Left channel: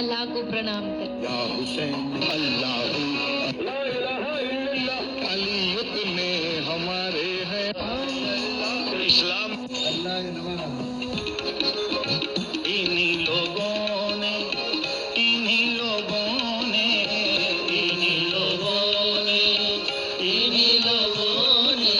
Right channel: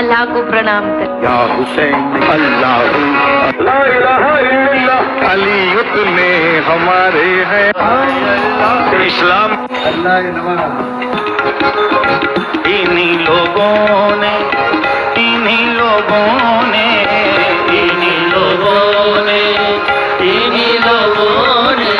अल्लाह को प्रणाम करें। या हुसैन अल्लाह ला इलाहा इल्लल्लाह अली में हमारे हैं इस्लाम अल्लाह नवाज। इन्हीं लोगों ने इन्हीं लोगों ने इन्हीं लोगों ने इन्हीं लोगों ने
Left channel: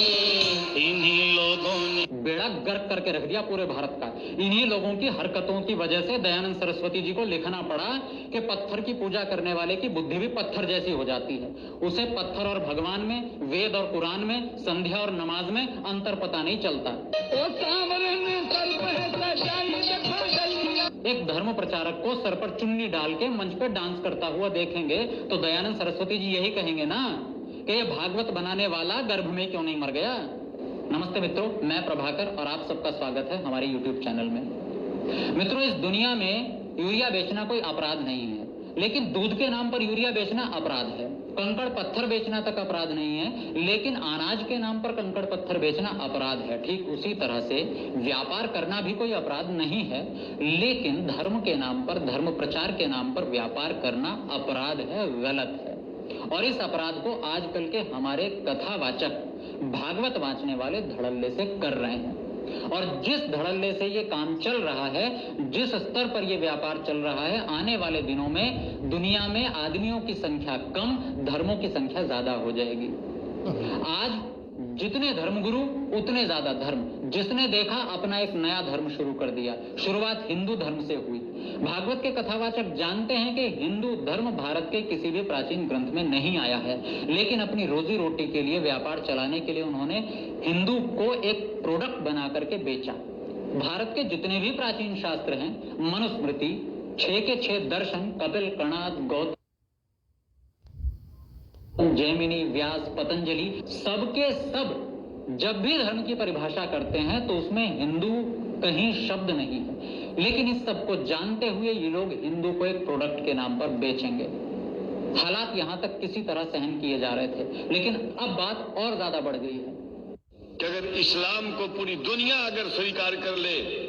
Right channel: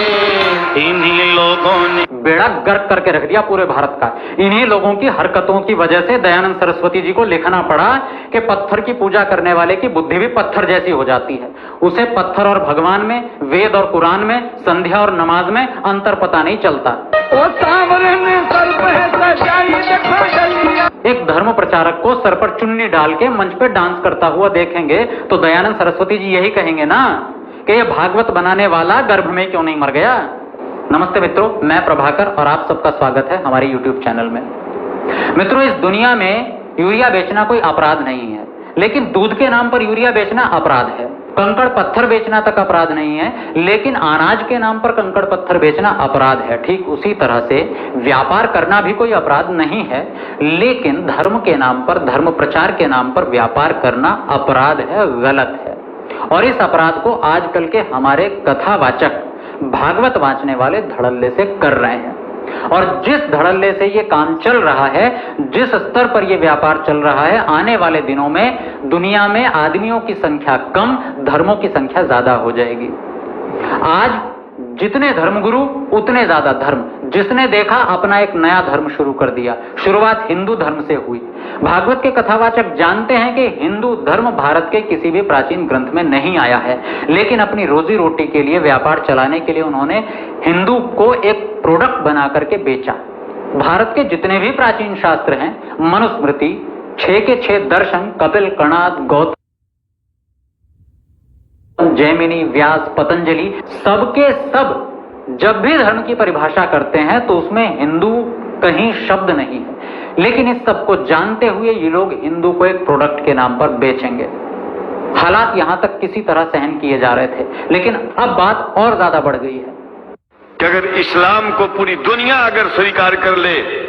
इन्हीं लोगों ने बेड़ा गर्क करके रख दिया पूरे भारत का। इन्हीं लोगों की हरकतों की वजह से दयानंद सरस्वती जी को लिखना पड़ा कि पत्थर की पूजा करने वाले की बुद्धि भी पत्थर जैसी हो जाती है। उसे पत्थर और भगवान में, वेद और कुरान में, संध्या और नमाज में अंतर पता नहीं चलता। एक धर्म प्रचारक को सर पर चुन्नी डाल के मंच पे डांस करता हुआ देखेंगे तो दयानंद सरस्वती जी यही कहेंगे ना कि ये भागवत बनाने वाला गर्भ में क्यों नहीं मर गया। नमस्ते मित्रों, मैं प्रभाकर और आप सबका स्वागत है हमारे YouTube चैनल में। मित्रों, इस दुनिया में यूरिया बेचना कोई अपराध नहीं है, लेकिन दूध के नाम पर यूरिया बेचना अपराध है। कंकड़ पत्थर बेचना तक अपराध नहीं है, लेकिन अनाज के नाम पर कंकड़ पत्थर बेचना अपराध है। ठीक उसी तरह से व्यापार करना भी कोई अपराध नहीं है, लेकिन धर्म के नाम पर, धर्म प्रचार के नाम पर व्यापार करना अपराध है, गलत है। और इस अपराध को आजकल के हमारे कथावाचक, भागवत वांचने वाले धड़ल्ले से कर रहे हैं। और जिस धड़ल्ले से ये काम चल रहा है, जिस स्तर पर ये व्यापार चल रहा है, आने वाले दिनों में दुनिया में आदमियों की संख्या कम, धर्मों की संख्या ज्यादा हो जाएगी। आज जितने धर्मगुरु उतने ज्यादा धर्म। जिसने देखा अपना एक नया धर्म शुरू कर दिया। शुरुआत हिंदू धर्म से हुई। भागवत के कथावाचक जानते हैं कि हिंदू धर्म भारत के किसी भी प्राचीन ग्रंथ में नहीं आया है, लेकिन अपनी रोजी रोटी के लिए, व्यापार चलाने के लिए उन्होंने हिंदू को एक प्रोडक्ट बना करके बेचा। भारत के जितने भी प्राचीन शास्त्र हैं, मनुस्मृति, 6 के 6 दर्शन, कपिल, कणाद, गौतम, जैमिनी, व्यास, पतंजलि, सबके सब जब भी धर्म की परिभाषा करते हैं तो उसमें हिंदू कहीं शब्द नहीं है। लेकिन इस सब को जानते हुए ये लोग हिंदू को एक प्रोडक्ट के नाम पर बेचेंगे। हालात यहां तक किसी तरह सहन किए जा रहे थे, लेकिन अब बात और ज्यादा बढ़ गई है कि अगर इस्लाम को पूरी दुनिया अगर स्वीकार कर ले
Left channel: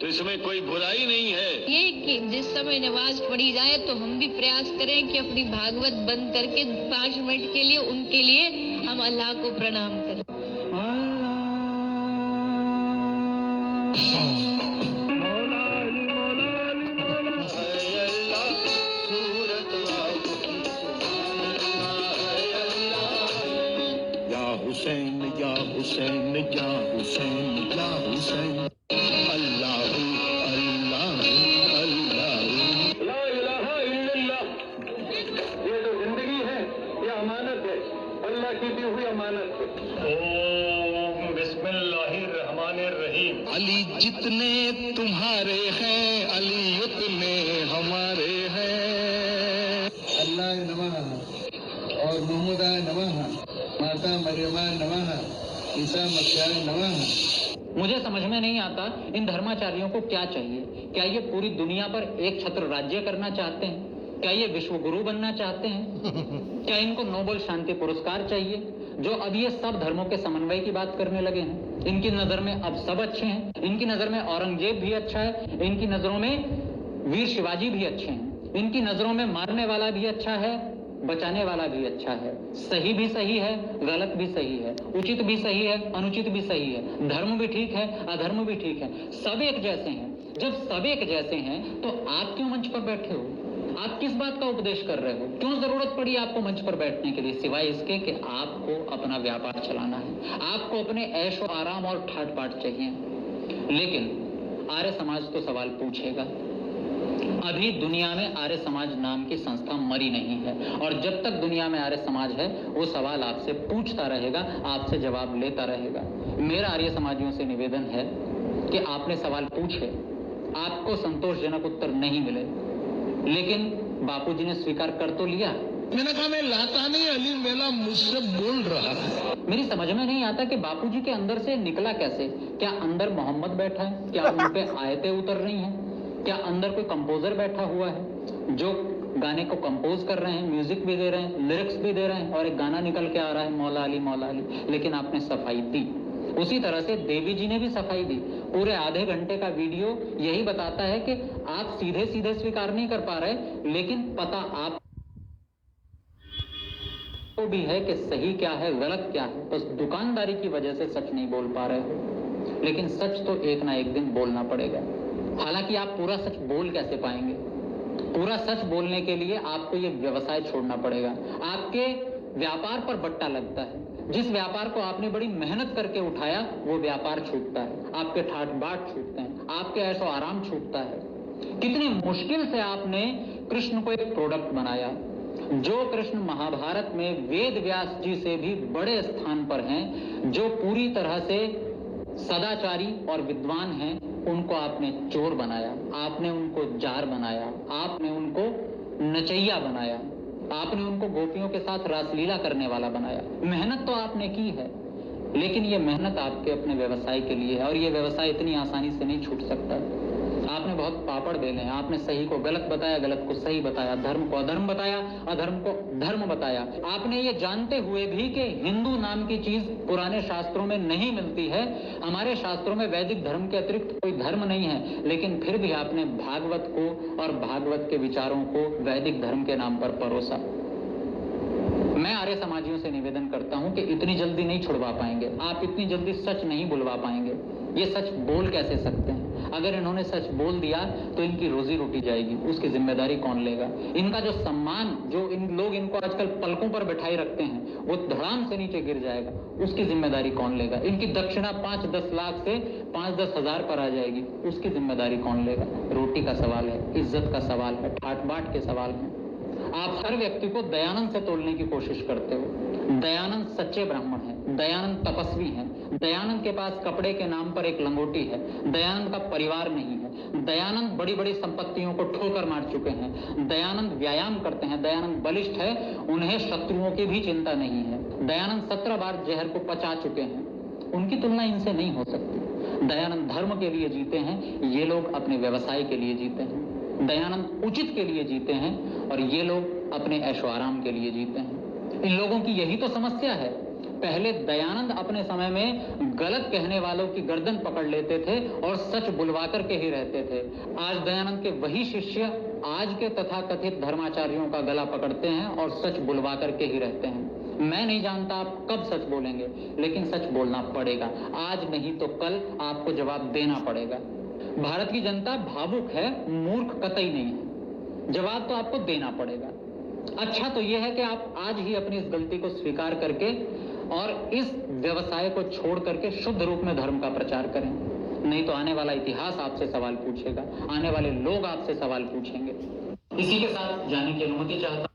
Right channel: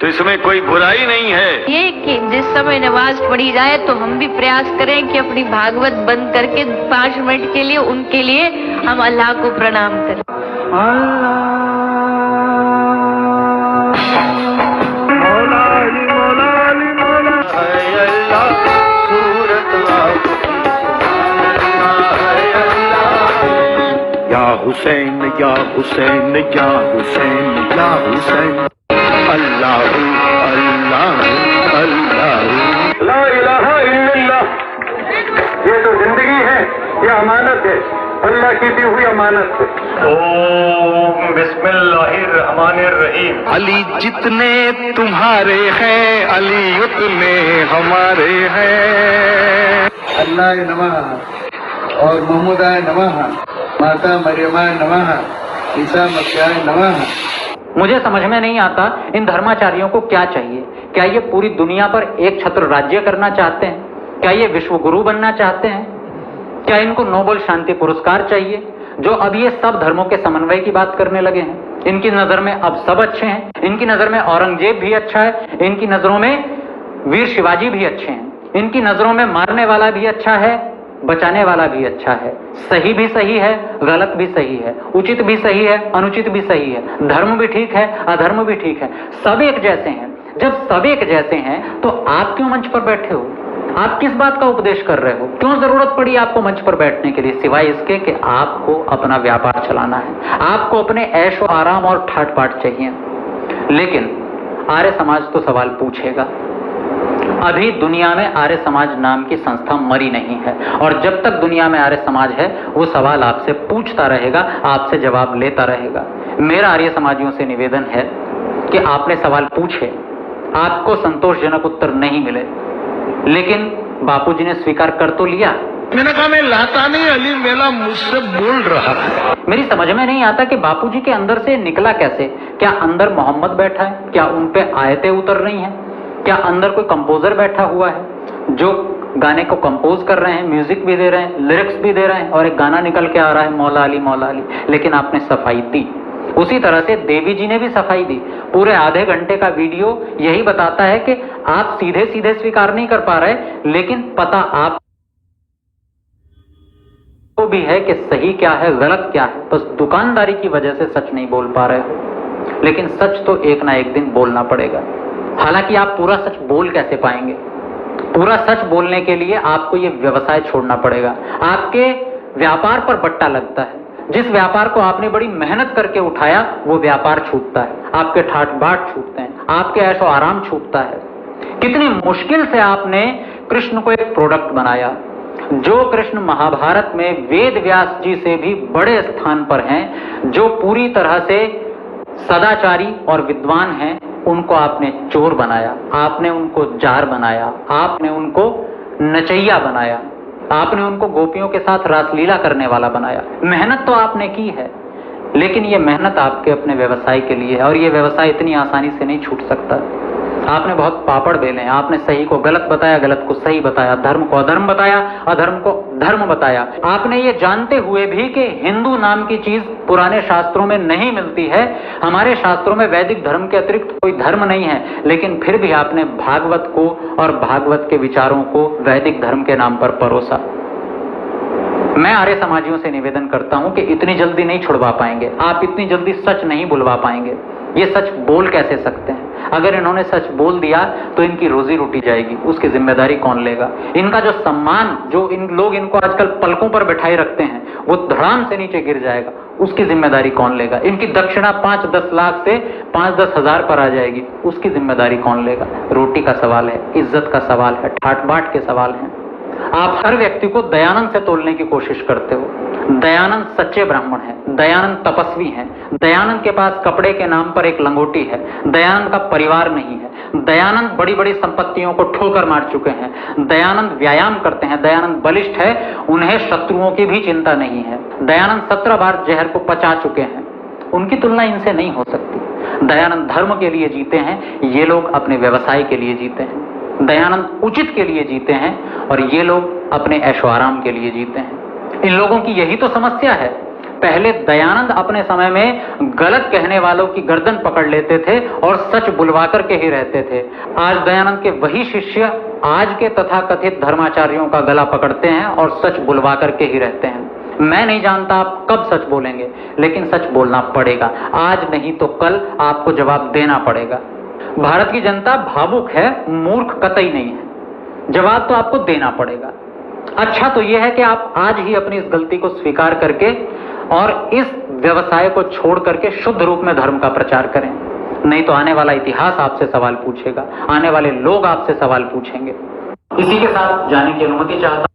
तो इसमें कोई बुराई नहीं है। ये कि जिस समय नमाज पढ़ी जाए तो हम भी प्रयास करें कि अपनी भागवत बंद करके 5 मिनट के लिए उनके लिए हम अल्लाह को प्रणाम करें। या हुसैन या हुसैन या हुसैन या हुसैन अल्लाह अल्लाह अल्लाह ला इलाहा इल्लल्लाह। ये तो जिंदगी है, ये अमानत है, अल्लाह की दी हुई अमानत है। ओम बिस्मिल्लाहिर्रहमानिर्रहीम। अली जितने तुम्हारे हैं, अली उतने हमारे हैं। अल्लाह नमः और मोहम्मदाय नमः, माता मरियमाय नमः, ईसा मसीहाय नमः। मुझे समझ में नहीं आता इन धर्माचार्यों को क्या चाहिए। क्या ये पूरी दुनिया पर एक छत्र राज्य करना चाहते हैं? क्या ये विश्व गुरु बनना चाहते हैं? क्या इनको नोबेल शांति पुरस्कार चाहिए, जो अब ये सब धर्मों के समन्वय की बात करने लगे हैं? इनकी नजर में अब सब अच्छे हैं। इनकी नजर में औरंगजेब भी अच्छा है, इनकी नजरों में वीर शिवाजी भी अच्छे हैं, इनकी नजरों में मारने वाला भी अच्छा है, बचाने वाला भी अच्छा है। सही भी सही है, गलत भी सही है, उचित भी सही है, अनुचित भी सही है, धर्म भी ठीक है, अधर्म भी ठीक है, सब एक जैसे हैं। जब सब एक जैसे हैं तो आप क्यों मंच पर बैठे हो? आप किस बात का उपदेश कर रहे हो? क्यों जरूरत पड़ी आपको मंच पर बैठने के लिए, सिवाय इसके कि आपको अपना व्यापार चलाना है, आपको अपने ऐशो आराम और ठाट पाट चाहिए। लेकिन आर्य समाज तो सवाल पूछेगा। अभी दुनिया में आर्य समाज नाम की संस्था मरी नहीं है, और जब तक दुनिया में आर्य समाज है वो सवाल आपसे पूछता रहेगा, आपसे जवाब लेता रहेगा। मेरा आर्य समाजियों से निवेदन है कि आपने सवाल पूछे, आपको संतोषजनक उत्तर नहीं मिले, लेकिन बापूजी ने स्वीकार कर तो लिया। मैंने कहा मैं लाता नहीं, अली मेला मुझसे बोल रहा है। मेरी समझ में नहीं आता कि बापूजी के अंदर से निकला कैसे। क्या अंदर मोहम्मद बैठा है? क्या उन पे आयतें उतर रही हैं? क्या अंदर कोई कंपोजर बैठा हुआ है जो गाने को कंपोज कर रहे हैं, म्यूजिक भी दे रहे हैं, लिरिक्स भी दे रहे हैं, और एक गाना निकल के आ रहा है, मौला अली मौला अली। लेकिन आपने सफाई दी, उसी तरह से देवी जी ने भी सफाई दी। पूरे आधे घंटे का वीडियो यही बताता है कि आप सीधे सीधे स्वीकार नहीं कर पा रहे, लेकिन पता आप को भी है कि सही क्या है गलत क्या है, बस दुकानदारी की वजह से सच नहीं बोल पा रहे हो। लेकिन सच तो एक ना एक दिन बोलना पड़ेगा। हालांकि आप पूरा सच बोल कैसे पाएंगे? पूरा सच बोलने के लिए आपको ये व्यवसाय छोड़ना पड़ेगा। आपके व्यापार पर बट्टा लगता है, जिस व्यापार को आपने बड़ी मेहनत करके उठाया वो व्यापार छूटता है, आपके ठाट बाट छूटते हैं, आपके ऐशो आराम छूटता है। कितनी मुश्किल से आपने कृष्ण को एक प्रोडक्ट बनाया। जो कृष्ण महाभारत में वेद व्यास जी से भी बड़े स्थान पर हैं, जो पूरी तरह से सदाचारी और विद्वान हैं, उनको आपने चोर बनाया, आपने उनको जार बनाया, आपने उनको नचैया बनाया, आपने उनको गोपियों के साथ रासलीला करने वाला बनाया। मेहनत तो आपने की है, लेकिन ये मेहनत आपके अपने व्यवसाय के लिए है, और ये व्यवसाय इतनी आसानी से नहीं छूट सकता। आपने बहुत पापड़ बेले हैं। आपने सही को गलत बताया, गलत को सही बताया, धर्म को अधर्म बताया, अधर्म को धर्म बताया। आपने ये जानते हुए भी कि हिंदू नाम की चीज पुराने शास्त्रों में नहीं मिलती है, हमारे शास्त्रों में वैदिक धर्म के अतिरिक्त कोई धर्म नहीं है, लेकिन फिर भी आपने भागवत को और भागवत के विचारों को वैदिक धर्म के नाम पर परोसा। मैं आर्य समाजियों से निवेदन करता हूं कि इतनी जल्दी नहीं छुड़वा पाएंगे आप, इतनी जल्दी सच नहीं बुलवा पाएंगे। ये सच बोल कैसे सकते हैं? अगर इन्होंने सच बोल दिया तो इनकी रोजी रोटी जाएगी, उसकी जिम्मेदारी कौन लेगा? इनका जो सम्मान, जो इन लोग इनको आजकल पलकों पर बैठाए रखते हैं, वो धड़ाम से नीचे गिर जाएगा, उसकी जिम्मेदारी कौन लेगा? इनकी दक्षिणा 5-10 लाख से 5-10 हजार पर आ जाएगी, उसकी जिम्मेदारी कौन लेगा? रोटी का सवाल है, इज्जत का सवाल है, ठाट बाट के सवाल हैं। आप हर व्यक्ति को दयानंद से तोलने की कोशिश करते हो। दयानंद सच्चे ब्राह्मण हैं, दयानंद तपस्वी हैं, दयानंद के पास कपड़े के नाम पर एक लंगोटी है, दयानंद का परिवार नहीं है, दयानंद बड़ी बड़ी संपत्तियों को ठोकर मार चुके हैं, दयानंद व्यायाम करते हैं, दयानंद बलिष्ठ है, उन्हें शत्रुओं की भी चिंता नहीं है, दयानंद 17 बार जहर को पचा चुके हैं, उनकी तुलना इनसे नहीं हो सकती। दयानंद धर्म के लिए जीते हैं, ये लोग अपने व्यवसाय के लिए जीते हैं। दयानंद उचित के लिए जीते हैं और ये लोग अपने ऐशो आराम के लिए जीते हैं। इन लोगों की यही तो समस्या है। पहले दयानंद अपने समय में गलत कहने वालों की गर्दन पकड़ लेते थे और सच बुलवा कर के ही रहते थे। आज दयानंद के वही शिष्य आज के तथाकथित धर्माचार्यों का गला पकड़ते हैं और सच बुलवा कर के ही रहते हैं। मैं नहीं जानता आप कब सच बोलेंगे, लेकिन सच बोलना पड़ेगा। आज नहीं तो कल आपको जवाब देना पड़ेगा। भारत की जनता भावुक है, मूर्ख कतई नहीं है। जवाब तो आपको देना पड़ेगा। अच्छा तो यह है कि आप आज ही अपनी इस गलती को स्वीकार करके और इस व्यवसाय को छोड़ करके शुद्ध रूप में धर्म का प्रचार करें। नहीं तो आने वाला इतिहास आपसे सवाल पूछेगा, आने वाले लोग आपसे सवाल पूछेंगे। इसी के साथ जाने की अनुमति चाहता